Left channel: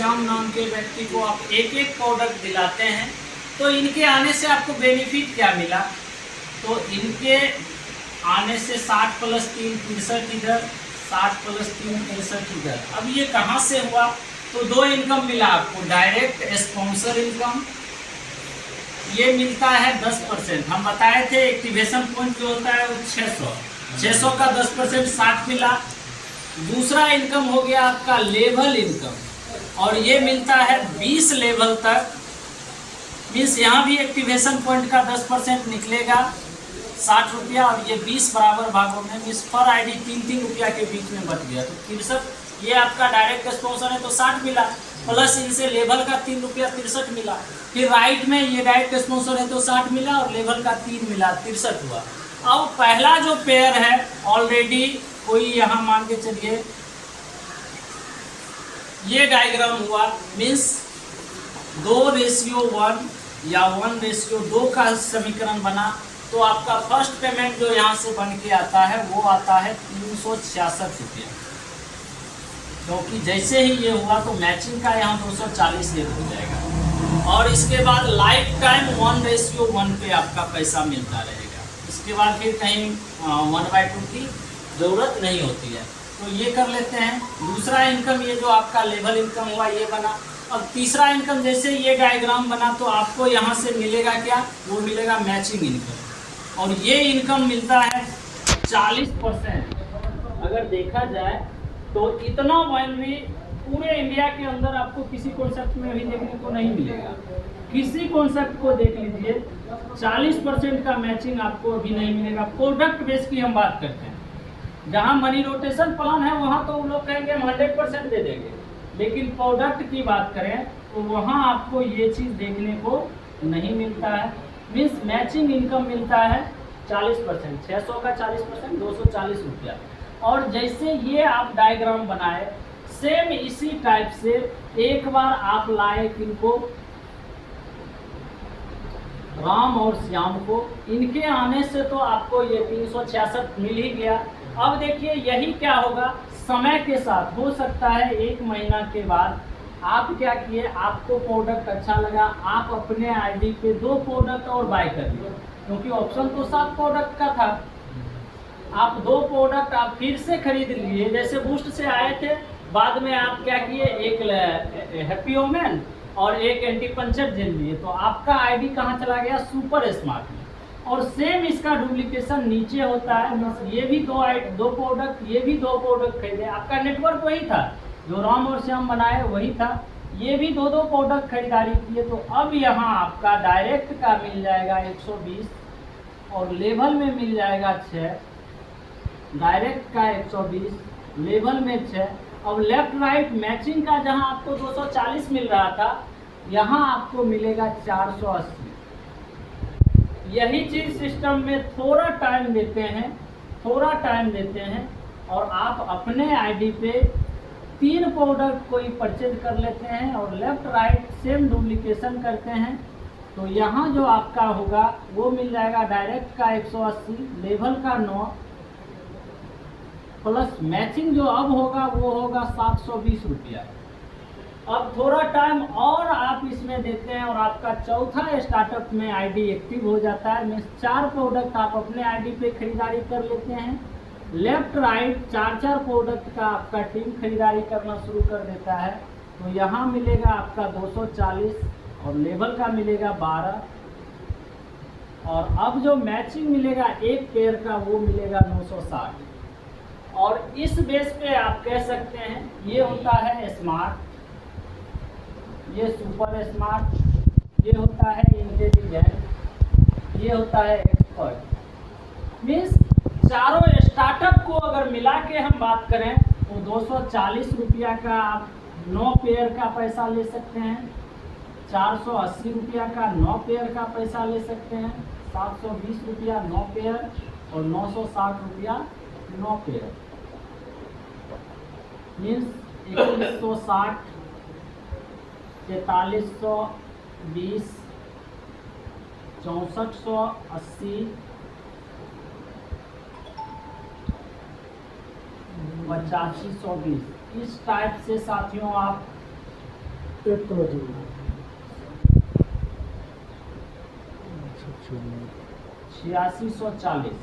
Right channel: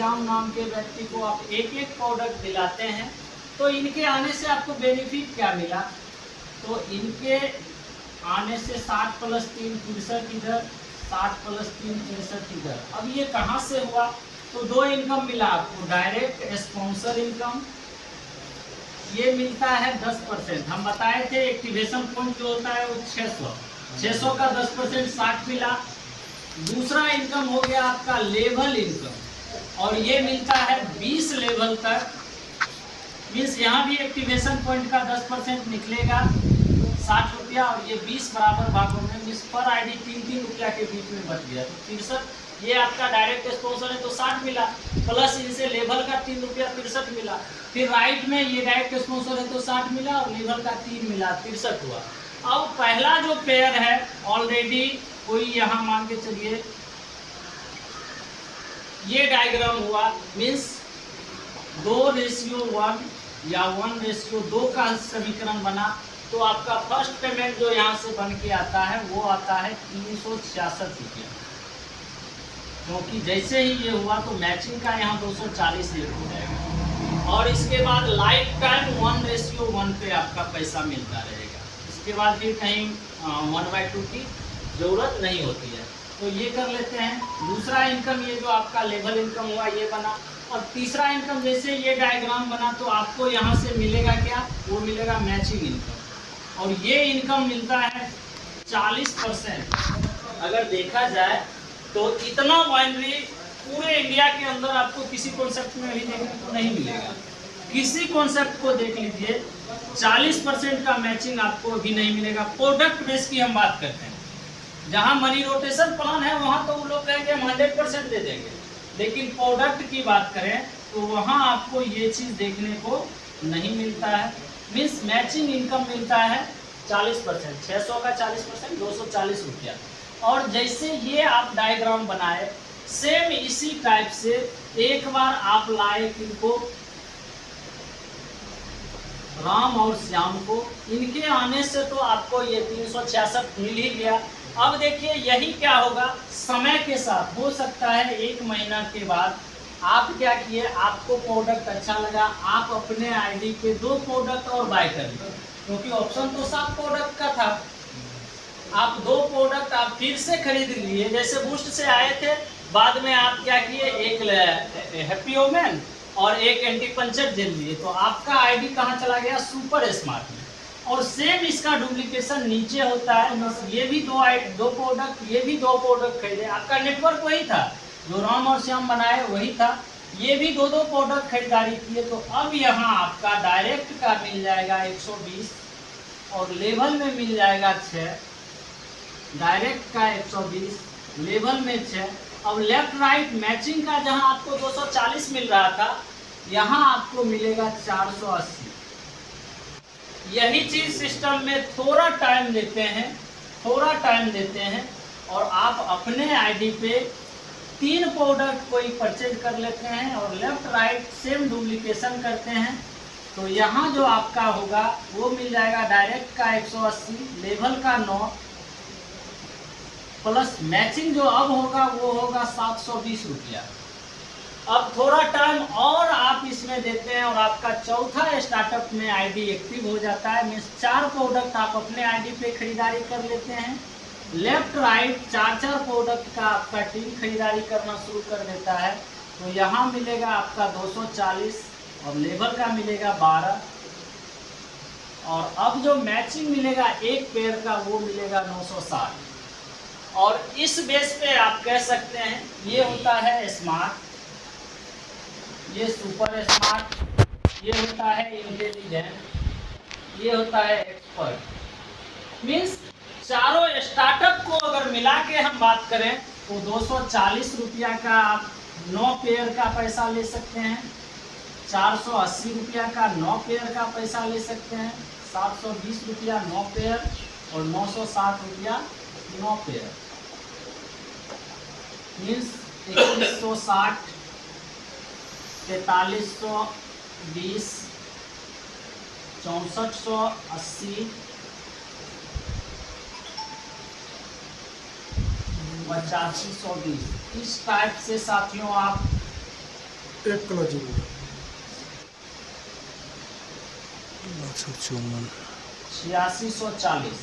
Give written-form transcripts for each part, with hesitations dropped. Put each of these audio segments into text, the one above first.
श्याम नाम के व्यक्ति को आप एक एक प्रोडक्ट दिलाते हैं, तो इनके आने से आपको बेनिफिट क्या मिला? तो इनके आने से 60 + 3 63 इधर, 60 + 3 63 इधर। अब ये कहाँ से हुआ? तो दो इनकम मिला आपको, डायरेक्ट स्पॉन्सर इनकम ये मिलता है 10%। हम बताए थे एक्टिवेशन पॉइंट जो होता है वो 600 का 10% 60 मिला। दूसरा इनकम हो गया आपका लेवल इनकम, और ये मिलता है 20 लेवल तक। मीन्स यहाँ भी एक्टिवेशन पॉइंट का 10% निकलेगा 60 रुपया, और ये 20 बराबर भागों में, मीन्स पर आईडी 3-3 रुपया के बीच में बच गया। तो 63 ये आपका डायरेक्ट स्पॉन्सर है तो 60 मिला, प्लस इनसे लेवल का 3 रुपया 63 मिला। फिर राइट में ये डायरेक्ट स्पॉन्सर है तो 60 मिला और लेवल का 3 मिला, 63 हुआ। अब पहला जो पेयर है ऑलरेडी कोई यहाँ मान के चलिए ये डायग्राम हुआ, मीन्स 2:1 या 1:2 का समीकरण बना, तो आपका फर्स्ट पेमेंट जो यहाँ से बन के आता है वो आता है 366 रुपया, क्योंकि जैसे ही ये हुआ तो मैचिंग का यहाँ 240 रेट हो जाएगा। और इसके बाद लाइफ टाइम 1:1 पे आपका पैसा मिलता रहेगा। इसके बाद फिर कहीं 1/2 की ज़रूरत नहीं होती है। तो ये कर लेते हैं। दूसरा इनकम ये जो आपका लेवल इनकम हुआ ये बना। अब तीसरा इनकम जैसे ये डायग्राम बना तो आपको यहाँ से मिलेगा क्या? वो मिलेगा मैचिंग इनकम, और ये इनकम मिलता है 40%। अगर देखा जाए तो इतना बाइनरी पूरे इंडिया के अंदर आपको किसी कॉन्सेप्ट में अभी देखने को नहीं मिलेगा। किसी कॉन्सेप्ट को देख लीजिए, 40% का मैचिंग आपको अभी नहीं मिलेगा। प्रोडक्ट बेस की हम बात करते हैं, जहां मनी रोटेशन प्लान है वहां तो वो लोग कहेंगे हम 100% दे देंगे, लेकिन प्रोडक्ट की बात करें तो वहां आपको ये चीज़ देखने को नहीं मिलता है। मीन्स मैचिंग इनकम मिलता है 40%, 600 का 40% 240 रुपया। और जैसे ये आप डायग्राम बनाए सेम इसी टाइप से एक बार आप लाए किनको, राम और श्याम को, इनके आने से तो आपको ये 366 मिल ही गया। अब देखिए यही क्या होगा, समय के साथ हो सकता है 1 महीना के बाद आप क्या किए, आपको प्रोडक्ट अच्छा लगा, आप अपने आईडी पे 2 प्रोडक्ट और बाय कर लिए, क्योंकि ऑप्शन तो 7 प्रोडक्ट का था। आप 2 प्रोडक्ट आप फिर से खरीद लिए, जैसे बूस्ट से आए थे, बाद में आप क्या किए, एक हैप्पी ओमेन और एक एंटी पंचर दे लिए, तो आपका आईडी कहाँ चला गया, सुपर स्मार्ट में। और सेम इसका डुप्लीकेशन नीचे होता है। ये भी 2 प्रोडक्ट, ये भी 2 प्रोडक्ट खरीदे, आपका नेटवर्क वही था जो राम और श्याम बनाए वही था, ये भी 2 प्रोडक्ट खरीदारी किए। तो अब यहाँ आपका डायरेक्ट का मिल जाएगा 120 और लेवल में मिल जाएगा 6, डायरेक्ट का 120, लेवल में 6। अब लेफ्ट राइट मैचिंग का जहां आपको 240 मिल रहा था, यहाँ आपको मिलेगा 480। यही चीज सिस्टम में थोड़ा टाइम लेते हैं, और आप अपने आईडी पे 3 प्रोडक्ट कोई परचेज कर लेते हैं और लेफ्ट राइट सेम डुप्लीकेशन करते हैं, तो यहाँ जो आपका होगा वो मिल जाएगा डायरेक्ट का 180, लेवल का 9, प्लस मैचिंग जो अब होगा वो होगा 720 रुपया। अब थोड़ा टाइम और आप इसमें देते हैं और आपका चौथा स्टार्टअप में आईडी एक्टिव हो जाता है। मीन्स 4 प्रोडक्ट आप अपने आईडी पे खरीदारी कर लेते हैं, लेफ्ट राइट 4-4 प्रोडक्ट का आपका टीम खरीदारी करना शुरू कर देता है, तो यहाँ मिलेगा आपका 240 और लेवल का मिलेगा 12, और अब जो मैचिंग मिलेगा एक पेयर का वो मिलेगा 960। और इस बेस पे आप कह सकते हैं ये होता है स्मार्ट, ये सुपर स्मार्ट, ये होता है इंटेलिजेंट, ये होता है एक्सपर्ट। मीन्स चारों स्टार्टअप को अगर मिला के हम बात करें तो 240 रुपया का आप 9 पेयर का पैसा ले सकते हैं, 480 रुपया का 9 पेयर का पैसा ले सकते हैं, 720 रुपया 9 पेयर और 960 रुपया 9 पेयर। मीन्स 2160, 4320, 6480, 8520। इस टाइप से साथियों आप एक क्लोजिंग में। अच्छा 54। 8640।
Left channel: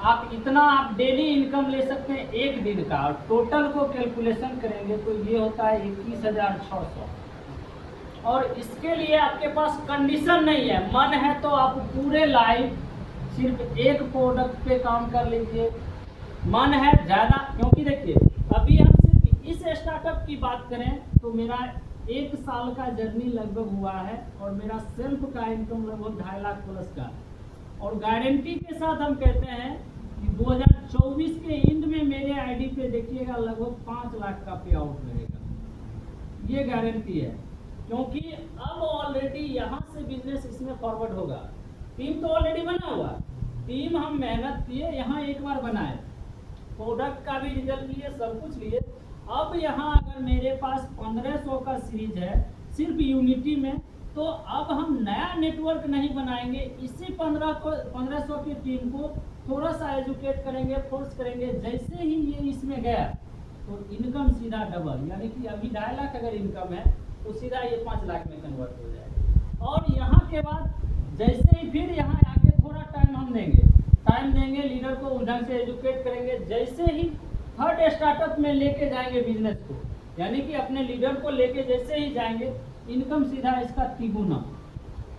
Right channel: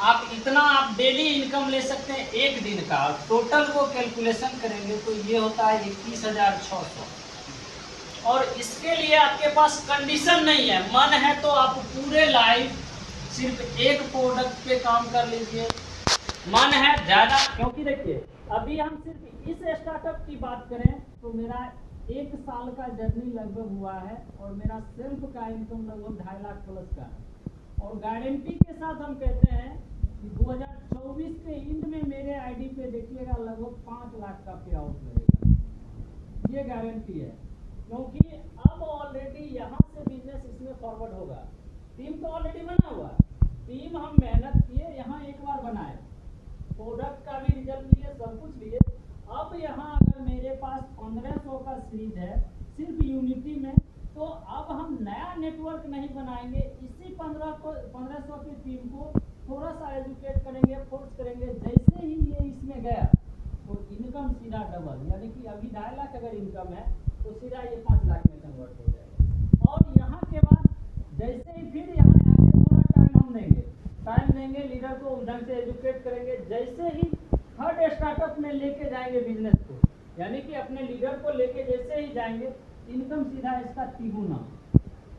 आप इतना आप डेली इनकम ले सकते हैं एक दिन का। टोटल को कैलकुलेशन करेंगे तो ये होता है 21,600। और इसके लिए आपके पास कंडीशन नहीं है, मन है तो आप पूरे लाइफ सिर्फ एक प्रोडक्ट पे काम कर लीजिए। मन है ज़्यादा, क्योंकि देखिए अभी हम सिर्फ इस स्टार्टअप की बात करें तो मेरा 1 साल का जर्नी लगभग हुआ है और मेरा सेल्फ का इनकम लगभग 2.5 लाख प्लस का है। और गारंटी के साथ हम कहते हैं कि 2024 के एंड में मेरे आईडी पे देखिएगा लगभग 5 लाख का पे आउट रहेगा। ये गारंटी है, क्योंकि अब ऑलरेडी यहाँ से बिजनेस इसमें फॉरवर्ड होगा। टीम तो ऑलरेडी बना हुआ, टीम हम मेहनत किए, यहाँ एक बार बनाए, प्रोडक्ट का भी रिजल्ट लिए, सब कुछ लिए। अब यहाँ अगर मेरे पास 1500 का सीरीज है सिर्फ यूनिटी में, तो अब हम नया नेटवर्क नहीं बनाएंगे, इसी 1500 की टीम को थोड़ा सा एजुकेट करेंगे, फोर्स करेंगे। जैसे ही ये इसमें गया तो इनकम सीधा डबल, यानी कि अभी 2.5 लाख अगर इनकम है तो सीधा ये 5 लाख में कन्वर्ट हो जाएगा। और यहाँ के बाद जैसे ही फिर यहाँ आके थोड़ा टाइम हम देंगे, लीडर को उस ढंग से एजुकेट करेंगे। जैसे ही थर्ड स्टार्टअप में लेके जाएंगे बिजनेस को, यानी कि अपने लीडर को लेके जैसे ही जाएंगे, इनकम सीधा इसका 3 गुना।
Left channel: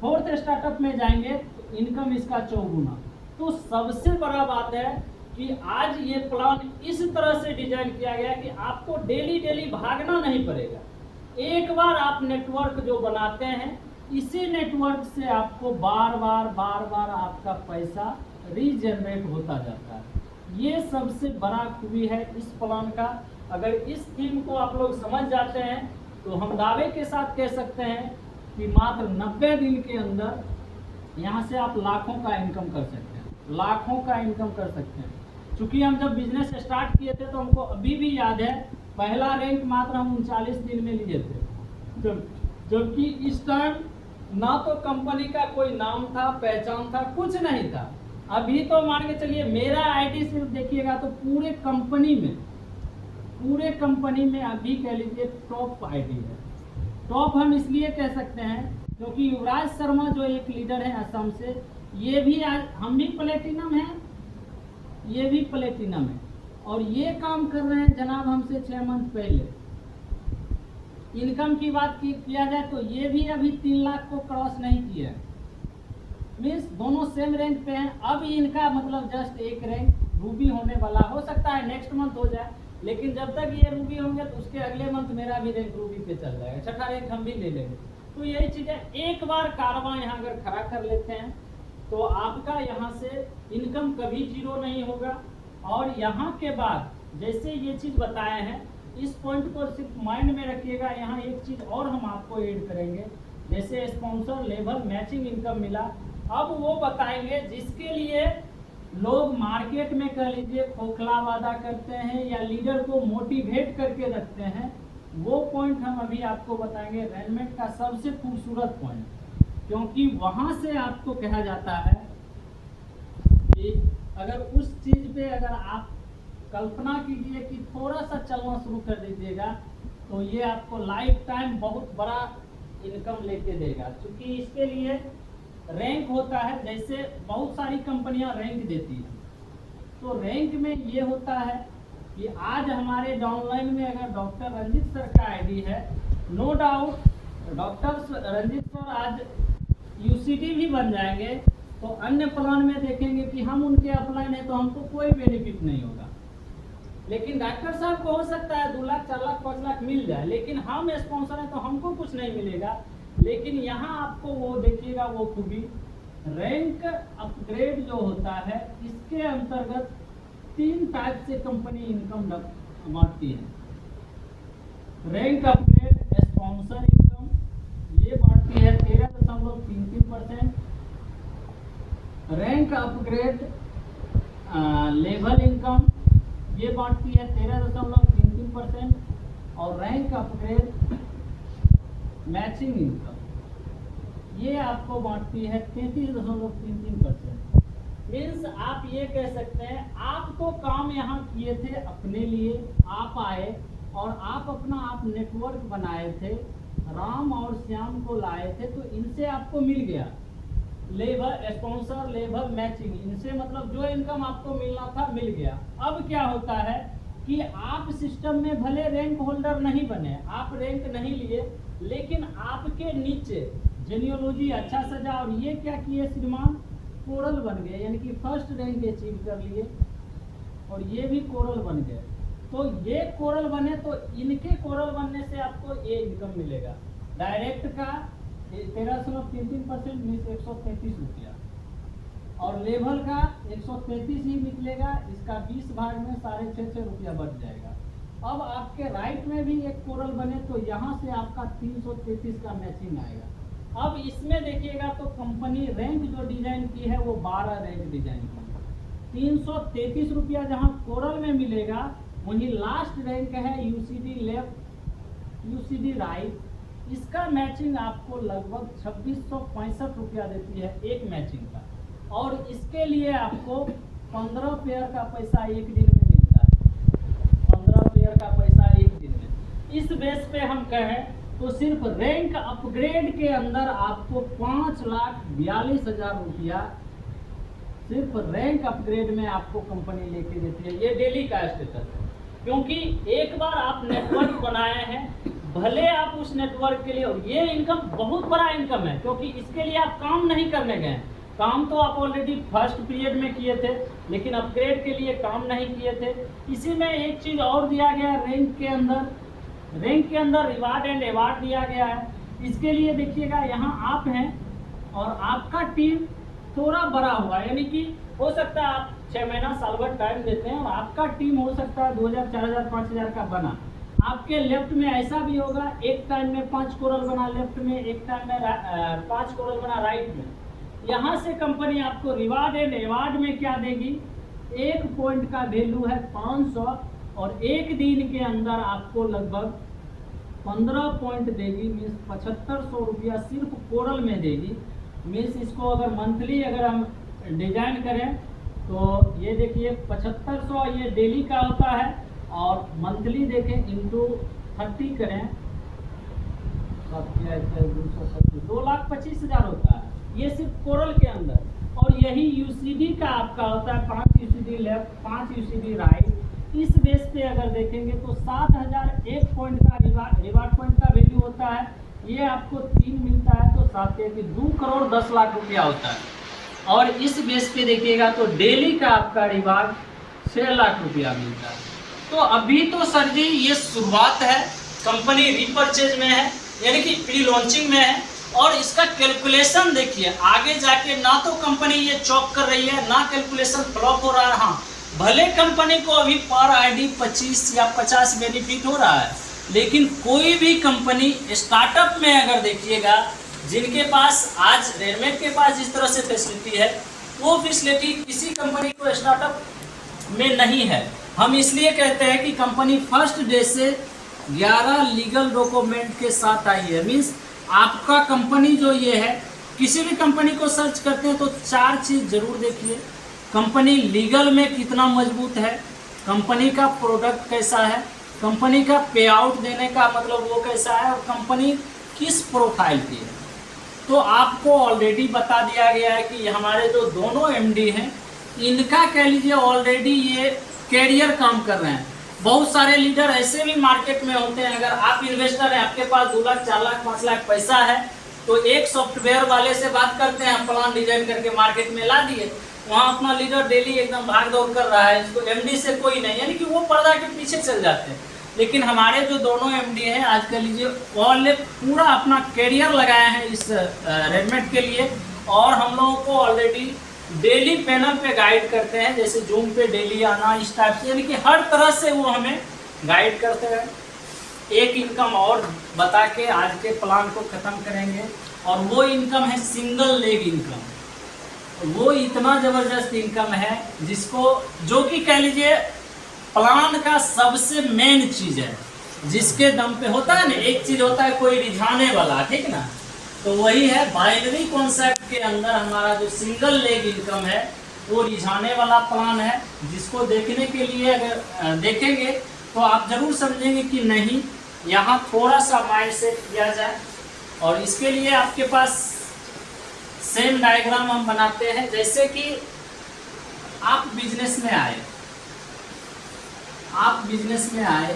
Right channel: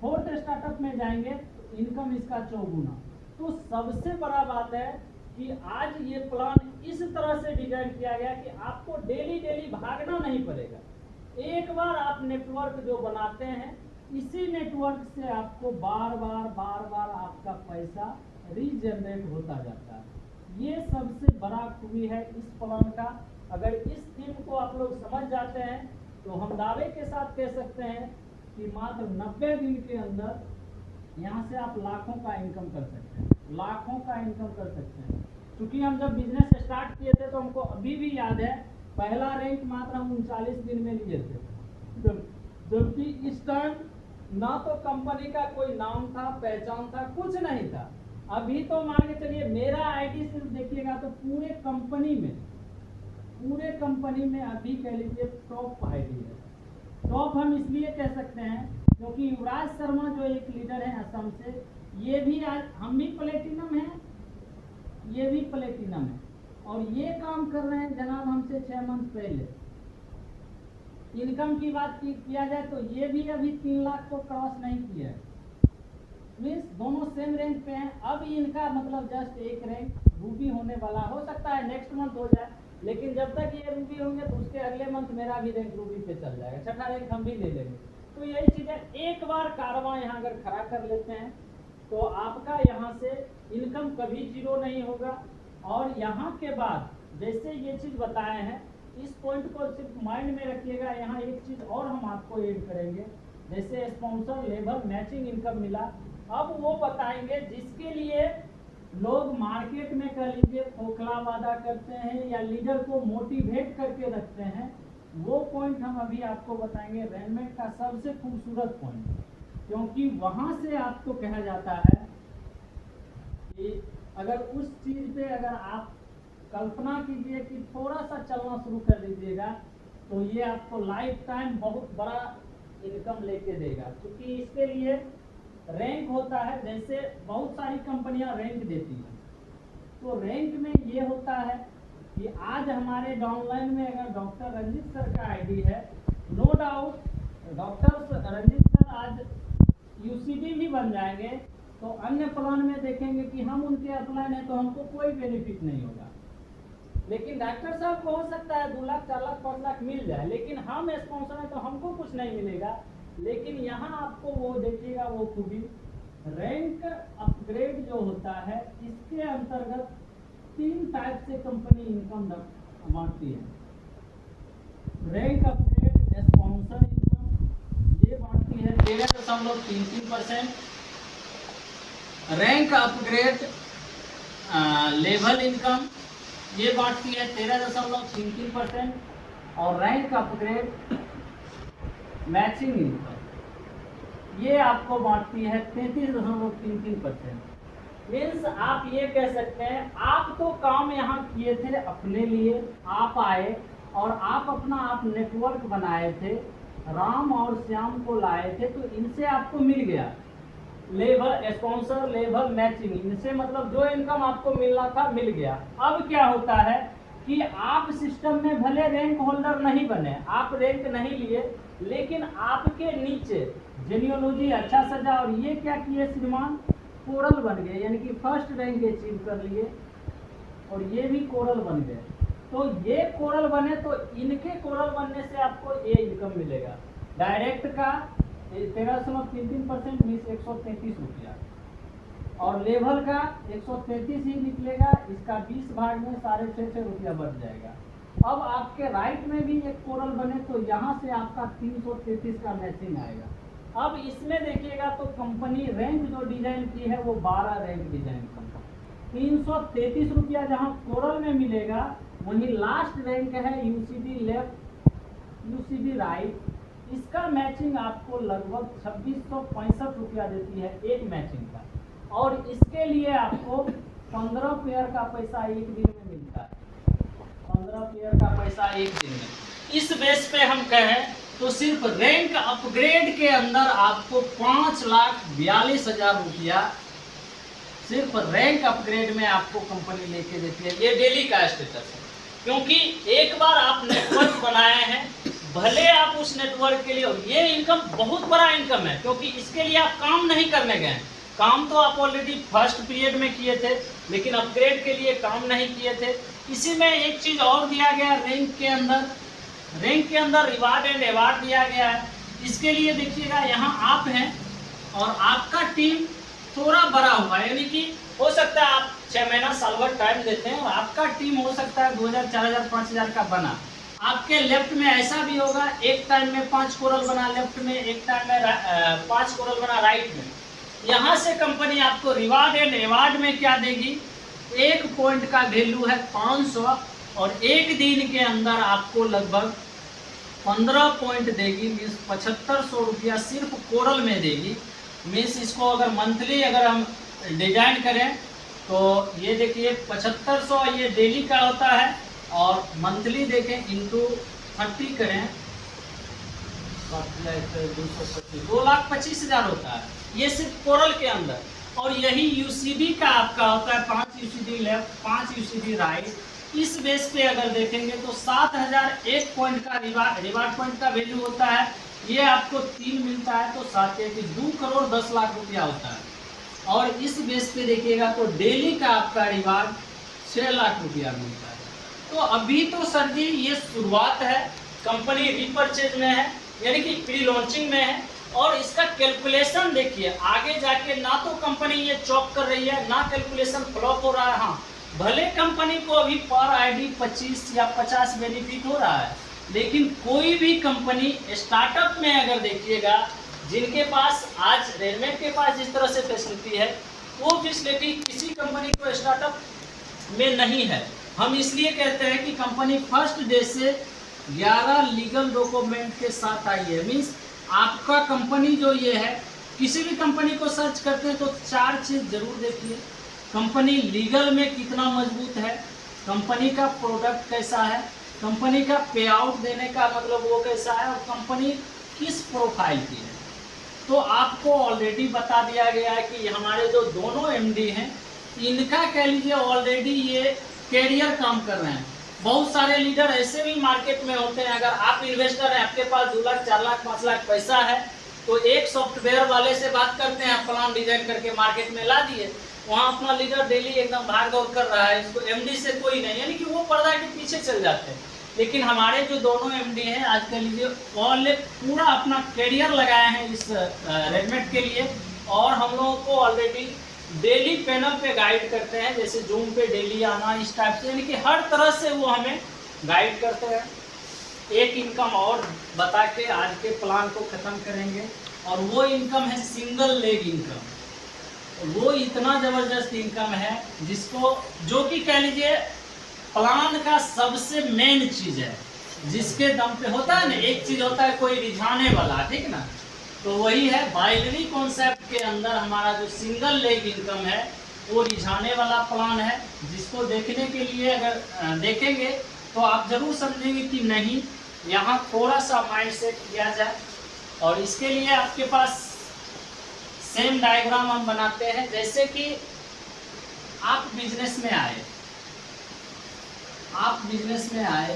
फोर्थ स्टार्टअप में जाएंगे तो इनकम इसका 4 गुना। तो सबसे बड़ा बात है कि आज ये प्लान इस तरह से डिजाइन किया गया कि आपको डेली भागना नहीं पड़ेगा। एक बार आप नेटवर्क जो बनाते हैं, इसी नेटवर्क से आपको बार बार आपका पैसा रीजनरेट होता जाता है। ये सबसे बड़ा खूबी है इस प्लान का। अगर इस थीम को आप लोग समझ जाते हैं तो हम दावे के साथ कह सकते हैं कि मात्र 90 दिन के अंदर यहाँ से आप लाखों का इनकम कर सकते हैं, लाखों का इनकम कर सकते हैं। चूँकि हम जब बिजनेस स्टार्ट किए थे तो हमको अभी भी याद है, पहला रैंक मात्र हम 39 दिन में लिए थे, जबकि इस टाइम ना तो कंपनी का कोई नाम था, पहचान था, कुछ नहीं था। अभी तो मान के चलिए मेरा आईडी सिर्फ देखिएगा तो पूरे कंपनी में अभी कह लीजिए टॉप आईडी है। टॉप हम इसलिए कह सकते हैं क्योंकि युवराज शर्मा जो एक लीडर है असम से, ये भी आज हम भी प्लेटिनम है, ये भी प्लेटिनम है, और ये काम कर रहे हैं जनाब हमसे 6 मंथ पहले। इनकम की बात किया जाए तो ये भी अभी 3 लाख को क्रॉस नहीं किया, मीन्स दोनों सेम रैंक पे हैं। अब इनका मतलब जस्ट एक रैंक रूबी होने वाला, हो सकता है नेक्स्ट मंथ हो जाए, लेकिन जब तक ये रूबी होंगे तो उसके अगले मंथ मेरा भी रैंक रूबी पे चल जाएगा, छठा रैंक हम भी ले लेंगे। तो यही चीज़ें एक बार कारवां यहाँ अगर खड़ा कर लेते हैं तो आपका यहाँ से इनकम कभी जीरो नहीं होगा। और यहाँ के बाद जैसे ये चीज़ बताए हैं, इस पॉइंट को सिर्फ माइंड में रखिएगा। यहाँ एक चीज़ और हम आपको ऐड करेंगे, जैसे स्पॉन्सर लेवल मैचिंग इनकम मिला, अब वो बताएंगे जिसके लिए लोग मार्केट में कह लीजिए खोखला वादा करते हैं या लीडर को मोटिवेट करके रखते हैं, वो पॉइंट हम अभी आपको बताएंगे। रेलमेट का सबसे खूबसूरत पॉइंट, क्योंकि वहाँ से आपको कहा जाता है कि अगर उस चीज़ पे अगर आप कल्पना कीजिए कि थोड़ा सा चलना शुरू कर दीजिएगा तो ये आपको लाइफ टाइम बहुत बड़ा इनकम लेके देगा। क्योंकि इसके लिए रैंक होता है, जैसे बहुत सारी कंपनियां रैंक देती हैं, तो रैंक में ये होता है कि आज हमारे डाउनलाइन में अगर डॉक्टर रंजित सर का आईडी है, no doubt doctor Ranjit sir आज यूसीडी भी बन जाएंगे, तो अन्य प्लान में देखेंगे कि हम उनके अपलाइन है तो हमको कोई बेनिफिट नहीं होगा। लेकिन डॉक्टर साहब को हो सकता है 2 लाख 4 लाख 5 लाख मिल जाए, लेकिन हम स्पॉन्सर हैं तो हमको कुछ नहीं मिलेगा। लेकिन यहाँ आपको वो देखिएगा वो खूबी, रैंक अपग्रेड जो होता है इसके अंतर्गत 3 टाइप से कंपनी इनकम बांटती है। रैंक अपग्रेड स्पॉन्सर इनकम ये बांटती है 13.33%। रैंक अपग्रेड लेवल इनकम ये बांटती है 13.33%। और रैंक अपग्रेड मैचिंग इनकम ये आपको बांटती है 33.33%। मीन्स आप ये कह सकते हैं आप तो काम यहाँ किए थे अपने लिए, आप आए और आप अपना आप नेटवर्क बनाए थे, राम और श्याम को लाए थे तो इनसे आपको मिल गया लेबर स्पॉन्सर लेबर मैचिंग, इनसे मतलब जो इनकम आपको मिलना था मिल गया। अब क्या होता है कि आप सिस्टम में भले रैंक होल्डर नहीं बने, आप रैंक नहीं लिए, लेकिन आपके नीचे जेनियोलॉजी अच्छा सजा और ये क्या किए श्रीमान, कोरल बन गए, यानी कि फर्स्ट रैंक अचीव कर लिए और ये भी कोरल बन गए। तो ये कोरल बने तो इनके कोरल बनने से आपको ये इनकम मिलेगा। डायरेक्ट का 13.33% मीन्स 133 रुपया और लेवल का 133 ही निकलेगा, इसका 20 भाग में 6.5 रुपया बढ़ जाएगा। अब आपके राइट में भी एक कोरल बने तो यहाँ से आपका 333 का मैचिंग आएगा। अब इसमें देखिएगा तो कंपनी रैंक जो डिजाइन की है वो 12 रैंक डिजाइन की, 333 रुपया जहाँ कोरल में मिलेगा, वहीं लास्ट रैंक है यूसीडी लेफ्ट यूसीडी राइट, इसका मैचिंग आपको लगभग 2665 रुपया देती है एक मैचिंग का, और इसके लिए आपको 15 पेयर का पैसा एक दिन में मिलता है, 15 पेयर का पैसा एक दिन में। इस बेस पे हम कहें तो सिर्फ रैंक अपग्रेड के अंदर आपको 5,42,000 रुपया सिर्फ रैंक अपग्रेड में आपको कंपनी लेके देती है। ये डेली का स्टेटस है, क्योंकि एक बार आप नेटवर्क बनाए हैं, भले आप उस नेटवर्क के लिए, ये इनकम बहुत बड़ा इनकम है, क्योंकि इसके लिए आप काम नहीं करने गए, काम तो आप ऑलरेडी फर्स्ट पीरियड में किए थे, लेकिन अपग्रेड के लिए काम नहीं किए थे। इसी में एक चीज और दिया गया रैंक के अंदर रिवार्ड एंड अवार्ड दिया गया है। इसके लिए देखिएगा यहाँ आप हैं और आपका टीम थोड़ा बड़ा हुआ, यानी कि हो सकता है आप 6 महीना साल भर टाइम देते हैं और आपका टीम हो सकता है 2000 4000 5000 का बना। आपके लेफ्ट में ऐसा भी होगा, एक टाइम में 5 कोरल बना लेफ्ट में, एक टाइम में 5 कोरल बना राइट में। यहाँ से कंपनी आपको रिवार्ड एंड अवार्ड में क्या देगी, 1 पॉइंट का वैल्यू है 500 और एक दिन के अंदर आपको लगभग 15 पॉइंट देगी, मीन्स 7500 रुपया सिर्फ कोरल में देगी। मीन्स इसको अगर मंथली अगर हम डिजाइन करें तो ये देखिए 7500 ये डेली का होता है, और मंथली देखें इंटू 30 करें 2,25,000 होता है, ये सिर्फ कोरल के अंदर। और यही यूसीडी का आपका होता है 5 यूसीडी लेफ्ट 5 यूसीडी राइट। इस बेस पे अगर देखेंगे तो 7,000 एक पॉइंट का रिवार्ड पॉइंट का वैल्यू होता है, ये आपको 3 मिलता है तो 7 की 2 करोड़ 10 लाख रुपया होता है। और इस बेस पे देखिएगा तो डेली का आपका रिवार्ड 6 लाख रुपया मिलता है। तो अभी तो सर जी ये शुरुआत है, कंपनी रीपरचेज में है, यानी कि प्री लॉन्चिंग में है, और इसका कैलकुलेशन देखिए आगे जाके ना तो कंपनी ये चॉक कर रही है, ना कैलकुलेशन फ्लॉप हो रहा है। हाँ, भले कंपनी को अभी पर आईडी 25 या 50 बेनिफिट हो रहा है, लेकिन कोई भी कंपनी स्टार्टअप में अगर देखिएगा, जिनके पास आज रेडमेड के पास जिस तरह से फैसिलिटी है, वो फैसिलिटी किसी कंपनी को स्टार्टअप में नहीं है। हम इसलिए कहते हैं कि कंपनी फर्स्ट डे से 11 लीगल डॉक्यूमेंट के साथ आई है। मीन्स आपका कंपनी जो ये है, किसी भी कंपनी को सर्च करते हैं तो 4 चीज़ जरूर देखिए, कंपनी लीगल में कितना मजबूत है, कंपनी का प्रोडक्ट कैसा है, कंपनी का पे आउट देने का मतलब वो कैसा है, और कंपनी किस प्रोफाइल की है। तो आपको ऑलरेडी बता दिया गया है कि हमारे जो दोनों एमडी हैं, इनका कह लीजिए ऑलरेडी ये कैरियर काम कर रहे हैं। बहुत सारे लीडर ऐसे भी मार्केट में होते हैं, अगर आप इन्वेस्टर हैं, आपके पास 2 लाख 4 लाख 5 लाख पैसा है, तो एक सॉफ्टवेयर वाले से बात करते हैं, प्लान डिजाइन करके मार्केट में ला दिए, वहाँ अपना लीडर डेली एकदम भाग दौड़ कर रहा है, इसको एमडी से कोई नहीं, यानी कि वो पर्दा के पीछे चल जाते हैं। लेकिन हमारे जो दोनों एमडी हैं, आज कह लीजिए ऑल पूरा अपना कैरियर लगाए हैं इस रेडमेड के लिए, और हम लोगों को ऑलरेडी डेली पैनल पे गाइड करते हैं, जैसे जूम पे डेली आना, इस टाइप से, यानी कि हर तरह से वो हमें गाइड करते हैं। एक इनकम और बता के आज के प्लान को ख़त्म करेंगे, और वो इनकम है सिंगल लेग इनकम। वो इतना ज़बरदस्त इनकम है जिसको, जो कि कह लीजिए प्लान का सबसे मेन चीज़ है, जिसके दम पे होता है ना, एक चीज़ होता है कोई रिझाने वाला, ठीक ना, तो वही है बाइनरी कॉन्सेप्ट के अंदर हमारा जो सिंगल लेग इनकम है, वो रिझाने वाला प्लान है, जिसको देखने के लिए अगर देखेंगे तो आप जरूर समझेंगे कि नहीं, यहाँ थोड़ा सा माइंड सेट किया जाए। और इसके लिए आपके पास सेम डायग्राम हम बनाते हैं। जैसे कि आप बिजनेस में आए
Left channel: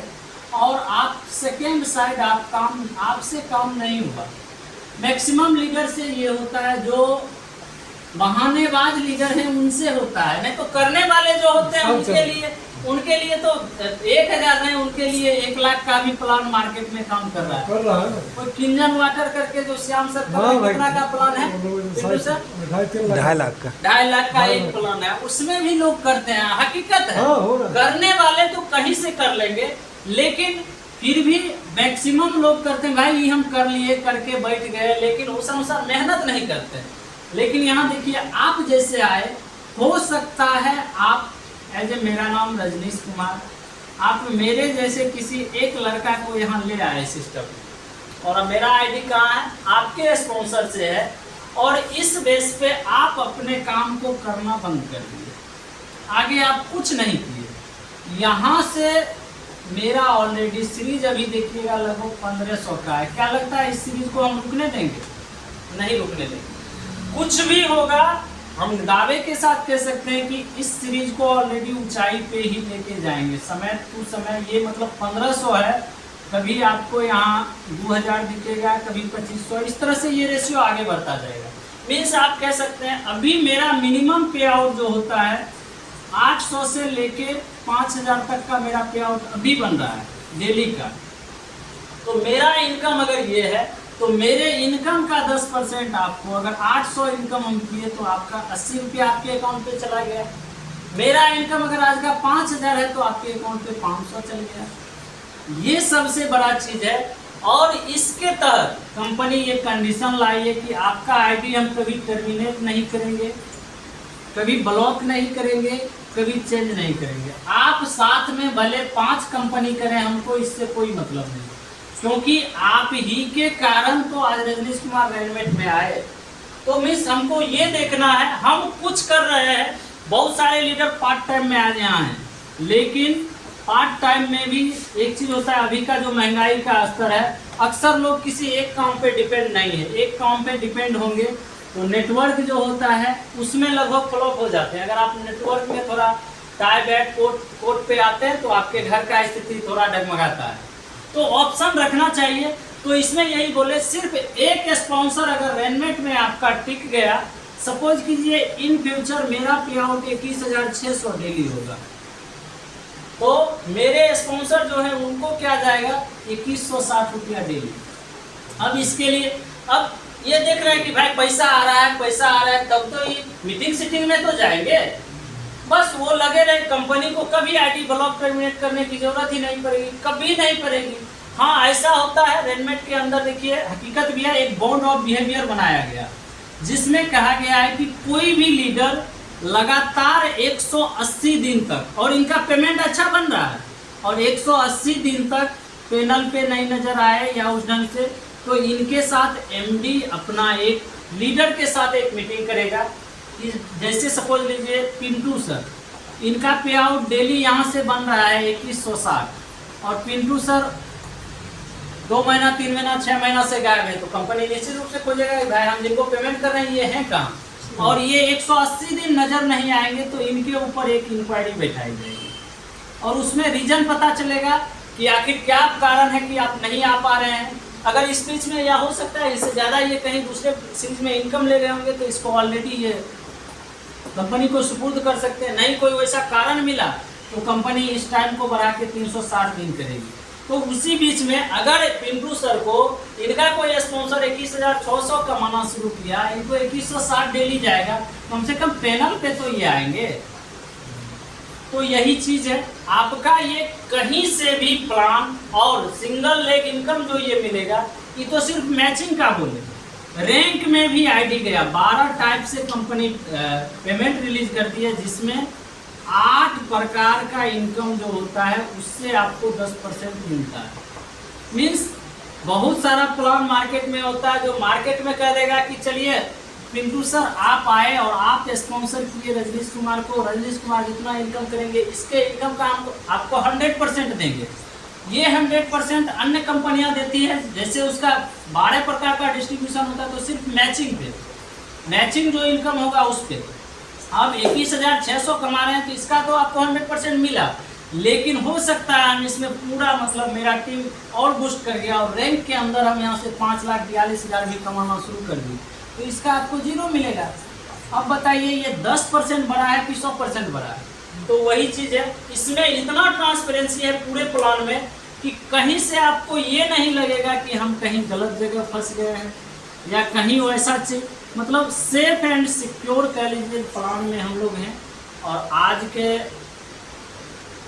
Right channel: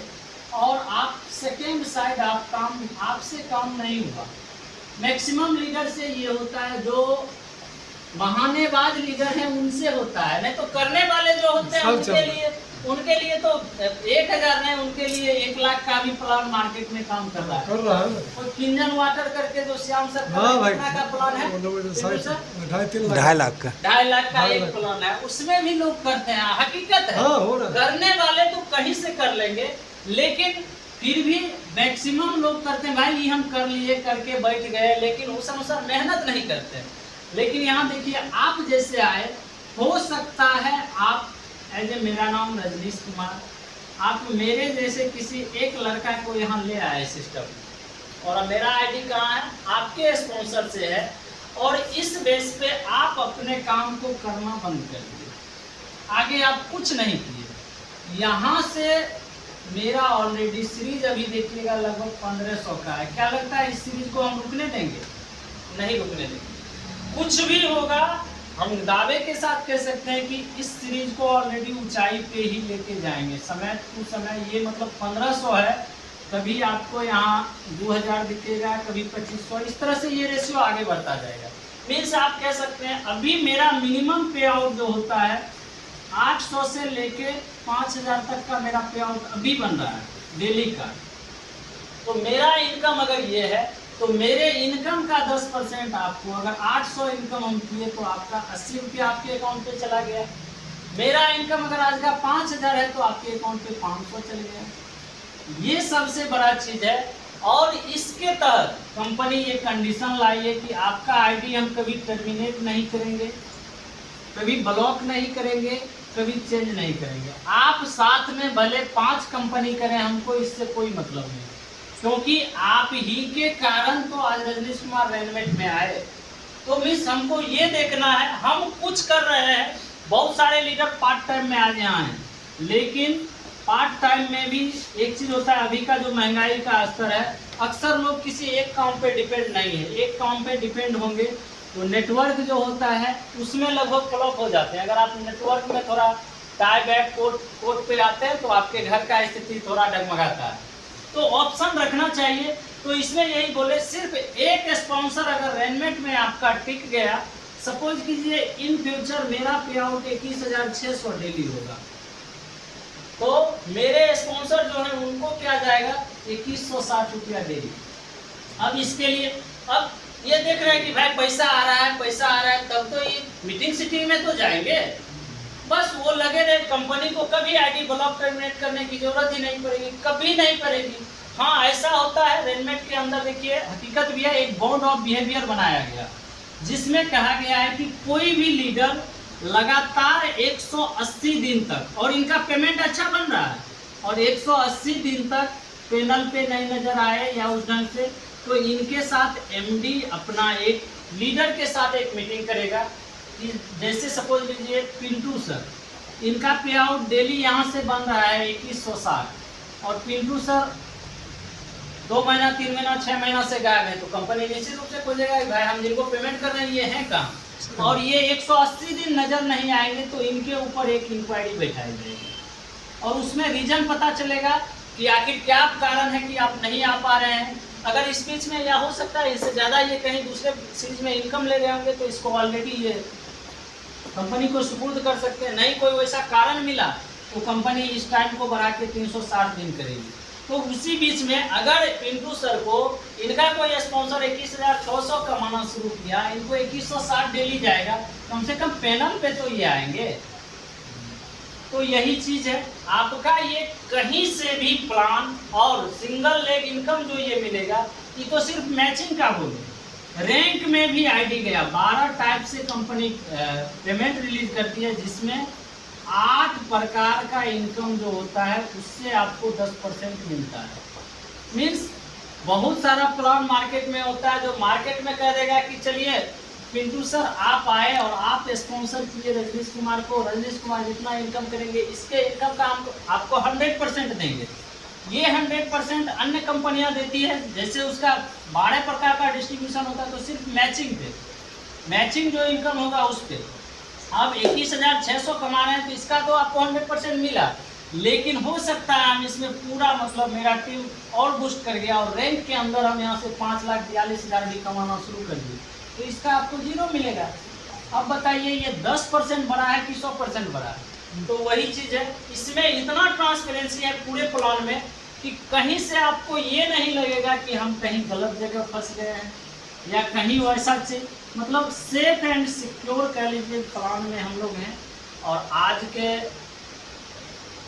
और आप सेकेंड साइड आपसे काम नहीं हुआ। मैक्सिमम लीडर से ये होता है, जो बहानेबाज लीडर हैं उनसे होता है, नहीं तो करने वाले जो होते हैं उनके लिए तो 1000 नहीं, उनके लिए 1 लाख का भी प्लान मार्केट में काम कर रहा है। कोई किंजन वाटर करके जो श्याम सर कितना का प्लान है, 2.5 लाख का 2.5 लाख का एक प्लान है, उसमें भी लोग करते हैं। हकीकत है, करने वाले तो कहीं से कर लेंगे, लेकिन फिर भी मैक्सिमम लोग करते हैं भाई ये हम कर लिए, करके बैठ गए, लेकिन उस अनुसार मेहनत नहीं करते। लेकिन यहाँ देखिए, आप जैसे आए, हो सकता है आप मेरा नाम रजनीश कुमार, आप मेरे जैसे किसी एक लड़का को यहाँ ले आए सिस्टम में, और मेरा आईडी कहाँ है, आपके स्पॉन्सर से है, और इस बेस पे आप अपने काम को करना बंद कर दिए, आगे आप कुछ नहीं किए। यहाँ से मेरा ऑलरेडी सीरीज अभी देखिएगा लगभग 1500 का है। क्या लगता है इस सीरीज को हम रुकने देंगे? नहीं रुकने देंगे। कुछ भी होगा, हम दावे के साथ कह सकते हैं कि इस सीरीज को ऑलरेडी ऊंचाई पे ही लेके जाएंगे, समय टू समय। ये मतलब 1500 है, कभी आपको यहाँ 2000 दिखेगा, कभी 2500, इस तरह से ये रेशियो आगे बढ़ता जाएगा। मीन्स आप कह सकते हैं अभी मेरा मिनिमम पे आउट जो होता है 800 से लेके 5000 तक का मेरा पे आउट अभी बन रहा है डेली का। तो मेरा इनकम अगर ये है, तो मेरे इनकम का 10% आपको, अगर 800 इनकम हम किए तो आपका 80 रुपया आपके अकाउंट पे चला गया। मेरा इनकम अगर आज का 5000 है तो आपके अकाउंट पे 500 चल गया। ये सबसे बड़ा चीज़ है। और इसके तहत कंपनी ये कंडीशन लाई है कि आपका आईडी हम कभी टर्मिनेट नहीं करेंगे, कभी ब्लॉक नहीं करेंगे, कभी चेंज नहीं करेंगे। आप साथ में भले 5 कंपनी करें, हमको इससे कोई मतलब नहीं, क्योंकि आप ही के कारण तो आज रजनीश कुमार रेनमेट में आए। तो मिस हमको ये देखना है, हम कुछ कर रहे हैं। बहुत सारे लीडर पार्ट टाइम में आज यहाँ हैं, लेकिन पार्ट टाइम में भी एक चीज़ होता है, अभी का जो महंगाई का स्तर है, अक्सर लोग किसी एक काम पे डिपेंड नहीं है। एक काम पे डिपेंड होंगे तो नेटवर्क जो होता है उसमें लगभग फ्लॉप हो जाते हैं। अगर आप नेटवर्क में थोड़ा टाई बैक कोट पे आते हैं तो आपके घर का स्थिति थोड़ा डगमगाता है। तो ऑप्शन रखना चाहिए। तो इसमें यही बोले, सिर्फ एक स्पॉन्सर अगर रेनमेट में आपका टिक गया, सपोज कीजिए इन फ्यूचर मेरा पे आउट 21,600 डेली होगा, तो मेरे स्पॉन्सर जो है उनको क्या जाएगा 2160 रुपया डेली। अब इसके लिए अब ये देख रहे हैं कि भाई पैसा आ रहा है, तब तो ये मीटिंग सीटिंग में तो जाएंगे। बस वो लगे रहे, कंपनी को कभी आईडी ब्लॉक टर्मिनेट करने की जरूरत ही नहीं पड़ेगी, कभी नहीं पड़ेगी। हाँ, ऐसा होता है रेनमेट के अंदर। देखिए हकीकत भी है, एक बॉन्ड ऑफ बिहेवियर बनाया गया, जिसमें कहा गया है कि कोई भी लीडर लगातार 180 दिन तक, और इनका पेमेंट अच्छा बन रहा है, और 180 दिन तक पैनल पे नहीं नजर आए या उस ढंग से, तो इनके साथ एमडी अपना एक लीडर के साथ एक मीटिंग करेगा। जैसे सपोज लीजिए पिंटू सर, इनका पे आउट डेली यहाँ से बन रहा है 2160, और पिंटू सर 2 महीना 3 महीना 6 महीना से गायब है, तो कंपनी निश्चित रूप से खोजेगा कि भाई हम जिनको पेमेंट कर रहे हैं ये हैं कहाँ, और ये 180 दिन नजर नहीं आएंगे, तो इनके ऊपर एक इंक्वायरी बैठाई जाएगी, और उसमें रीजन पता चलेगा कि आखिर क्या कारण है कि आप नहीं आ पा रहे हैं। अगर इस बीच में या हो सकता है इससे ज़्यादा ये कहीं दूसरे सीरीज में इनकम ले रहे होंगे, तो इसको ऑलरेडी ये कंपनी को सुपुर्द कर सकते हैं। नहीं कोई वैसा कारण मिला तो कंपनी इस टाइम को बढ़ा के 360 दिन करेगी। तो उसी बीच में अगर पिंटू सर को इनका कोई स्पॉन्सर 21,600 कमाना शुरू किया, इनको 2160 डेली जाएगा, कम से कम पैनल पे तो ये आएंगे। तो यही चीज़ है, आपका ये कहीं से भी प्लान और सिंगल लेग इनकम जो ये मिलेगा, ये तो सिर्फ मैचिंग का बोले। रैंक में भी आईडी गया, 12 टाइप से कंपनी पेमेंट रिलीज करती है, जिसमें 8 प्रकार का इनकम जो होता है उससे आपको 10% मिलता है। मीन्स बहुत सारा प्लान मार्केट में होता है, जो मार्केट में कह देगा कि चलिए पिंटू सर आप आए और आप स्पॉन्सर किए रजनीश कुमार को, रजनीश कुमार जितना इनकम करेंगे इसके इनकम का हम आपको 100% देंगे। ये 100% अन्य कंपनियां देती है, जैसे उसका 12 प्रकार का डिस्ट्रीब्यूशन होता है तो सिर्फ मैचिंग पे, मैचिंग जो इनकम होगा उस पे आप 21,600 कमा रहे हैं तो इसका तो आपको 100% मिला, लेकिन हो सकता है हम इसमें पूरा मतलब मेरा टीम और बूस्ट कर गया और रैंक के अंदर हम यहाँ से 5,42,000 भी कमाना शुरू कर दिए तो इसका आपको 0 मिलेगा। अब बताइए ये 10% बढ़ा है कि 100% बढ़ा है? तो वही चीज़ है, इसमें इतना ट्रांसपेरेंसी है पूरे प्लान में कि कहीं से आपको ये नहीं लगेगा कि हम कहीं गलत जगह फंस गए हैं या कहीं वैसा चीज, मतलब सेफ एंड सिक्योर कह लीजिए प्लान में हम लोग हैं। और आज के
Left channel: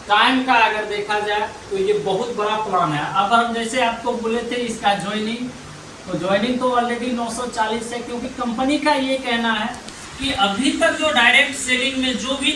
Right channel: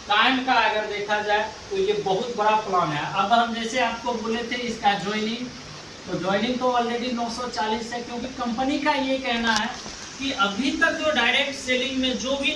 टाइम का अगर देखा जाए तो ये बहुत बड़ा प्लान है। अब हम जैसे आपको बोले थे इसका ज्वाइनिंग, तो ज्वाइनिंग तो ऑलरेडी 940 है, क्योंकि कंपनी का ये कहना है कि अभी तक जो डायरेक्ट सेलिंग में जो भी